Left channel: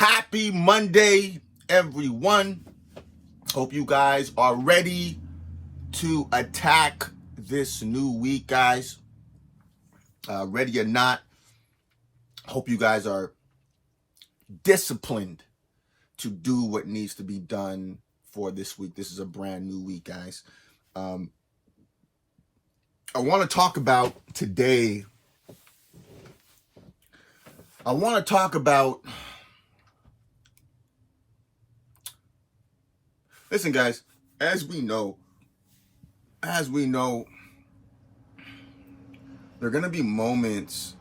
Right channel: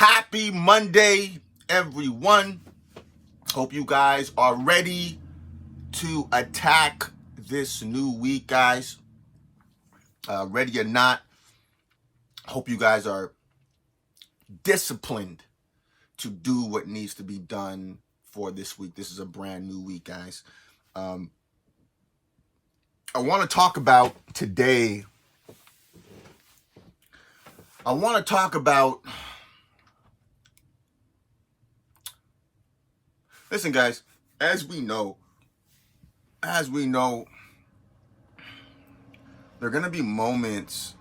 Happy Monday, everyone. Hope you guys are ready to attack this new week, guys. Ready or not, hope you guys are disciplined to do what needs to be done for this week. This is a brand new week, guys. I want to talk about today. Listen, guys, as we know, there are going to be moments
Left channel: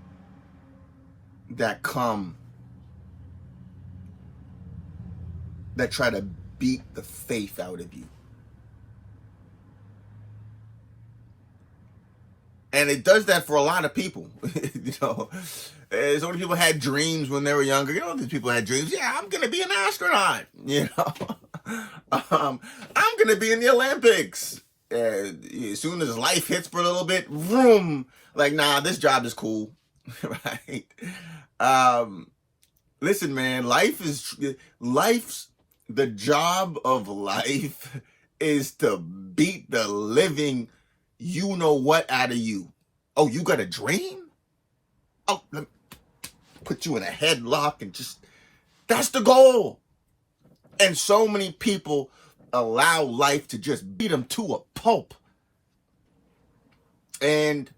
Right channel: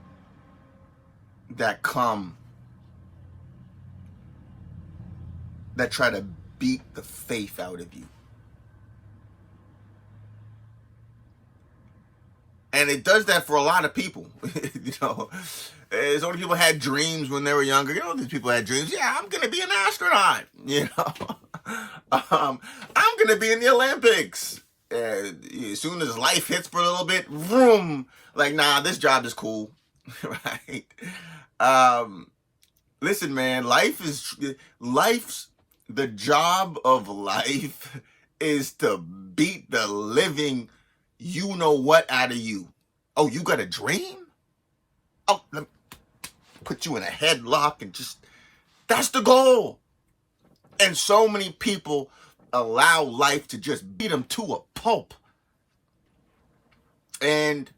that come that try to beat the faith out of you. And it does that for a lot of people. So many people had dreams when they were younger. These people had dreams. Yeah, I'm going to be an astronaut. I'm going to be in the Olympics. As soon as life hits for a little bit, vroom, like, nah, this job is cool. Right? Listen, man, the job of life is to beat the living you know what out of you. Oh, you got a dream? Oh, let me put you in a headlock and that's the goal. And so many people allow life to just beat them to a pulp. And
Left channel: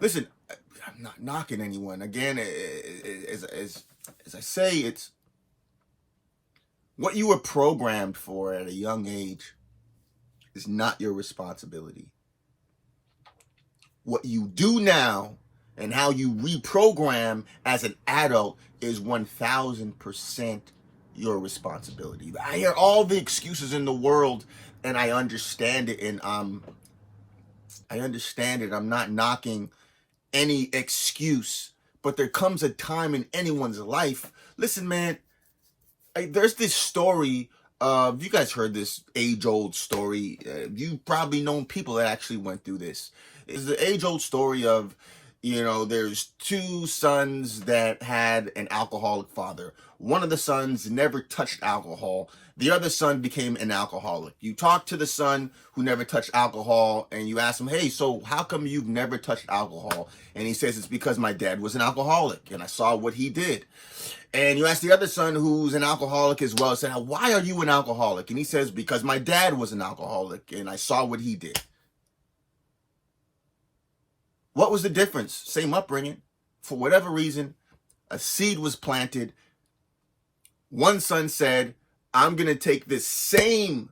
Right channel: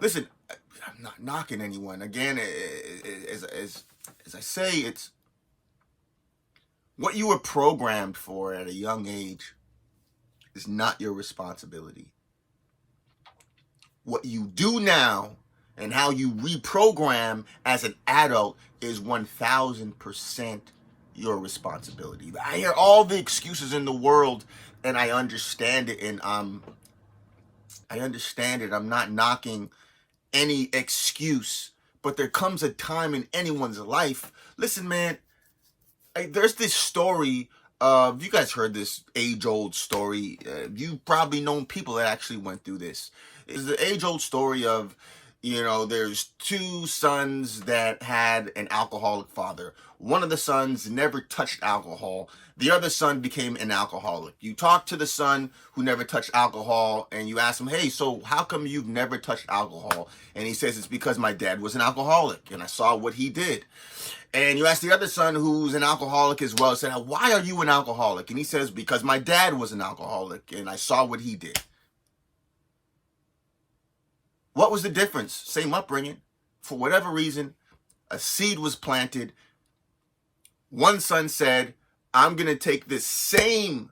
listen, I'm not knocking anyone. Again, as I say, it's what you were programmed for at a young age is not your responsibility. What you do now and how you reprogram as an adult is 1,000% your responsibility. I hear all the excuses in the world, and I understand it, and I understand it. I'm not knocking any excuse, but there comes a time in anyone's life. Listen, man, there's this story of, you guys heard this age-old story. You've probably known people that actually went through this. It's the age-old story of, there's two sons that had an alcoholic father. One of the sons never touched alcohol. The other son became an alcoholic. You talk to the son who never touched alcohol and you ask him, hey, so how come you've never touched alcohol? And he says, it's because my dad was an alcoholic and I saw what he did. And you ask the other son who's an alcoholic as well, say, why are you an alcoholic? And he says, because my dad was an alcoholic and I saw what he did. What was the difference? Same upbringing. For whatever reason, a seed was planted. One son said, I'm going to take this same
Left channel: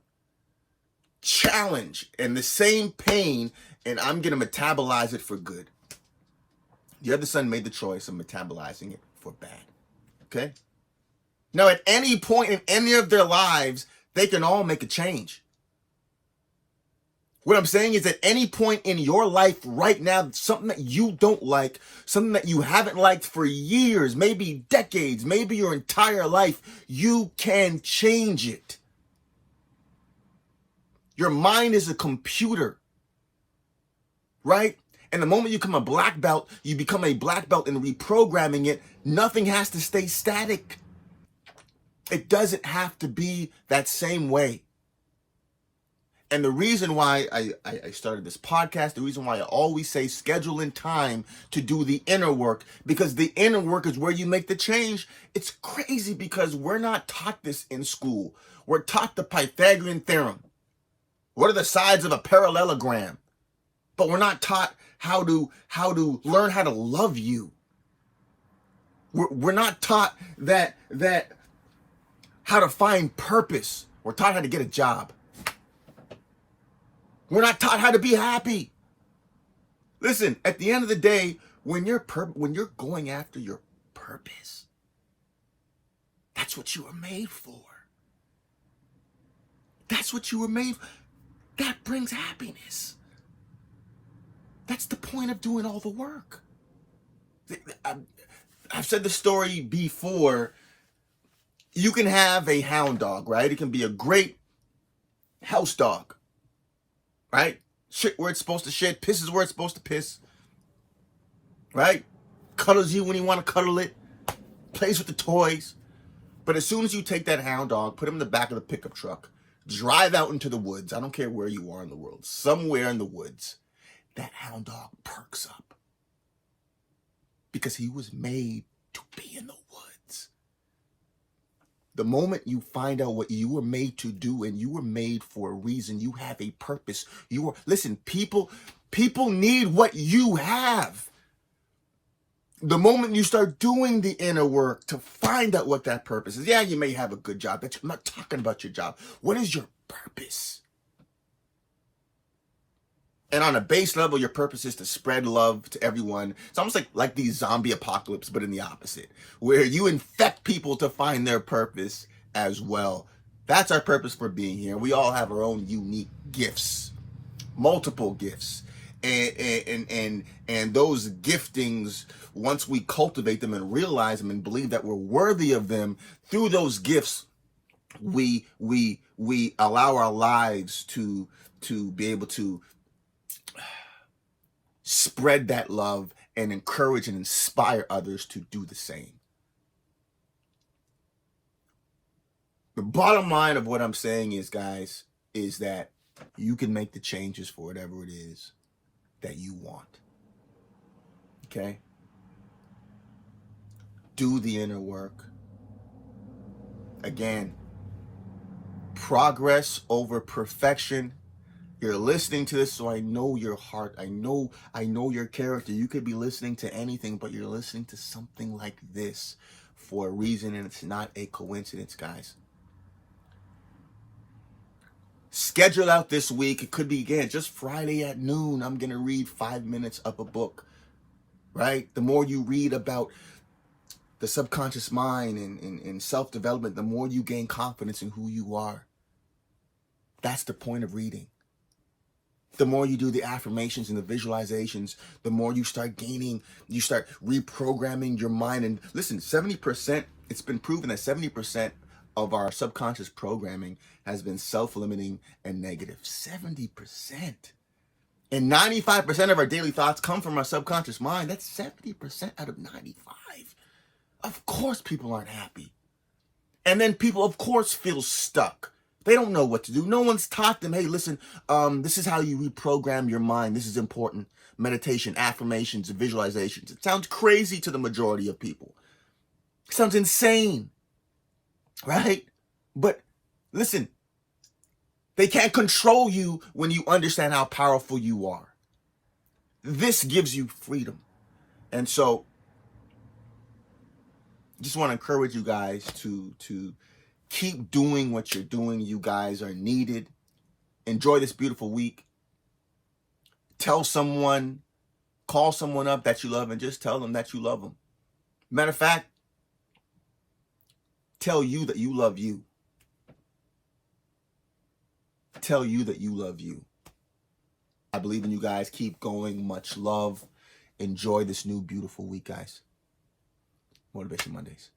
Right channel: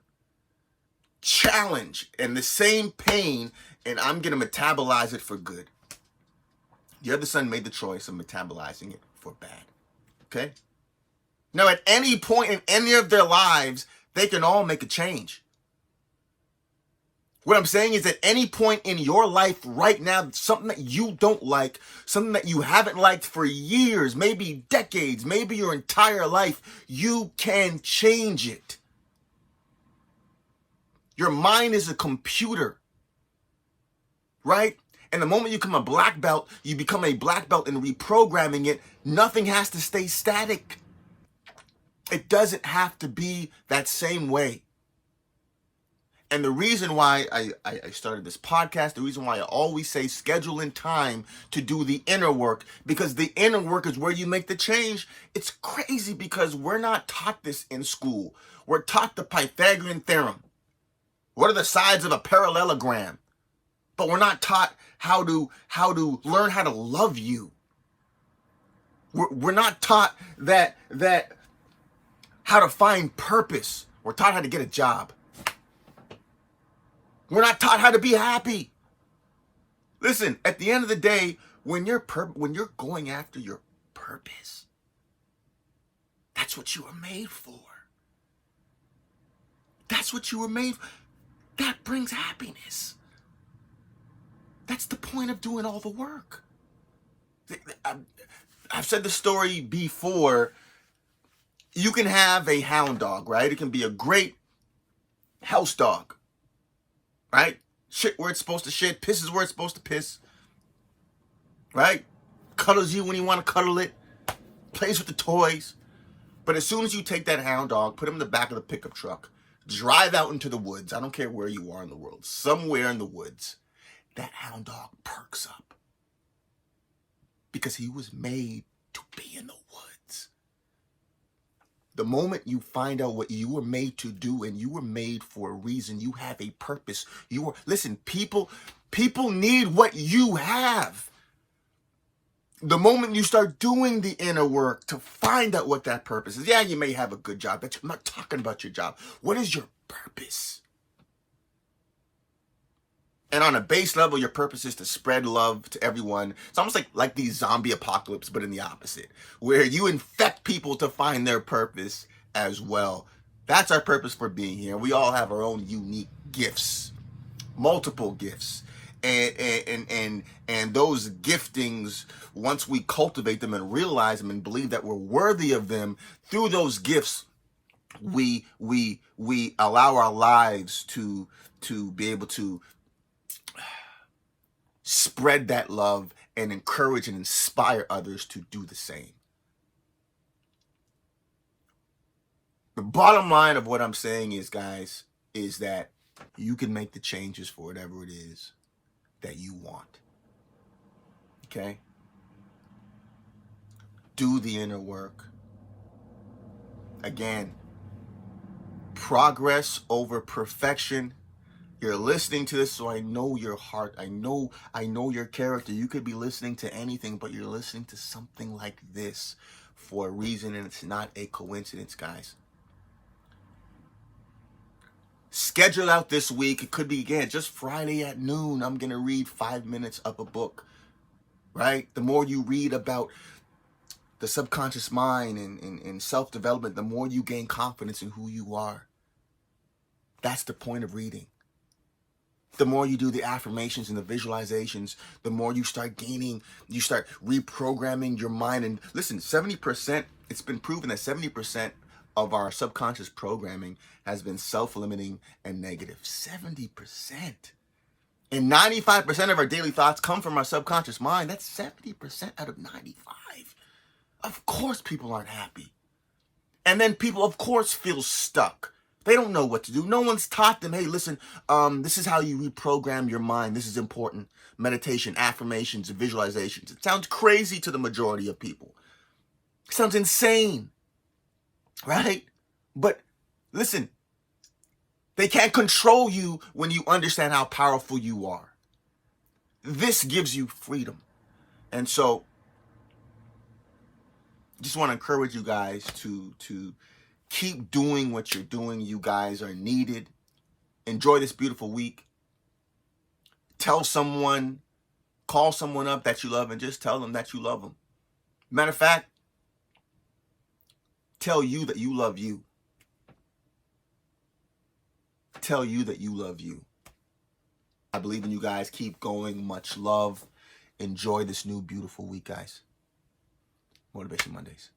challenge and the same pain, and I'm going to metabolize it for good. The other son made the choice of metabolizing it for bad. Okay? Now, at any point in any of their lives, they can all make a change. What I'm saying is, at any point in your life right now, something that you don't like, something that you haven't liked for years, maybe decades, maybe your entire life, you can change it. Your mind is a computer, right? And the moment you become a black belt, you become a black belt in reprogramming it. Nothing has to stay static. It doesn't have to be that same way. And the reason why I started this podcast, the reason why I always say schedule in time to do the inner work, because the inner work is where you make the change. It's crazy because we're not taught this in school. We're taught the Pythagorean theorem. What are the sides of a parallelogram? But we're not taught how to learn how to love you. We're not taught that how to find purpose. We're taught how to get a job. We're not taught how to be happy. Listen, at the end of the day, when you're going after your purpose, that's what you were made for. That's what you were made for. That brings happiness. That's the point of doing all the work. I've said the story before. You can have a hound dog, right? It can be a great house dog. Right? Shit where it's supposed to shit, pisses where it's supposed to piss. Right? Cuddles you when you want to cuddle it. Plays with the toys. But as soon as you take that hound dog, put him in the back of the pickup truck, drive out into the woods, I don't care where you are in the world, somewhere in the woods, that hound dog perks up. Because he was made to be in the woods. The moment you find out what you were made to do, and you were made for a reason, you have a purpose. Listen, people need what you have. The moment you start doing the inner work to find out what that purpose is, yeah, you may have a good job, but I'm not talking about your job. What is your purpose? And on a base level, your purpose is to spread love to everyone. It's almost like the zombie apocalypse, but in the opposite, where you infect people to find their purpose as well. That's our purpose for being here. We all have our own unique gifts, multiple gifts. And those giftings, once we cultivate them and realize them and believe that we're worthy of them, through those gifts, we allow our lives to be able to spread that love and encourage and inspire others to do the same. The bottom line of what I'm saying is, guys, is that you can make the changes for whatever it is that you want. Okay? Do the inner work. Again, progress over perfection. You're listening to this, so I know your heart. I know your character. You could be listening to anything, but you're listening to something like this for a reason, and it's not a coincidence, guys. Schedule out this week. It could be, again, just Friday at noon. I'm going to read 5 minutes of a book, right? The more you read about the subconscious mind and self-development, the more you gain confidence in who you are. That's the point of reading. The more you do the affirmations and the visualizations, the more you start reprogramming your mind. And listen, 70%, it's been proven that 70% of our subconscious programming has been self-limiting and negative. 70%. And 95% of our daily thoughts come from our subconscious mind. That's 70% out of 95. Of course people aren't happy. And then people, of course, feel stuck. They don't know what to do. No one's taught them, hey, listen, this is how you reprogram your mind. This is important. Meditation, affirmations, and visualizations. It sounds crazy to the majority of people. It sounds insane, right? But listen, they can't control you when you understand how powerful you are. This gives you freedom. And so, just want to encourage you guys to keep doing what you're doing. You guys are needed. Enjoy this beautiful week. Tell someone, call someone up that you love and just tell them that you love them. Matter of fact, tell you that you love you. Tell you that you love you. I believe in you guys. Keep going. Much love. Enjoy this new beautiful week, guys. Motivation Mondays.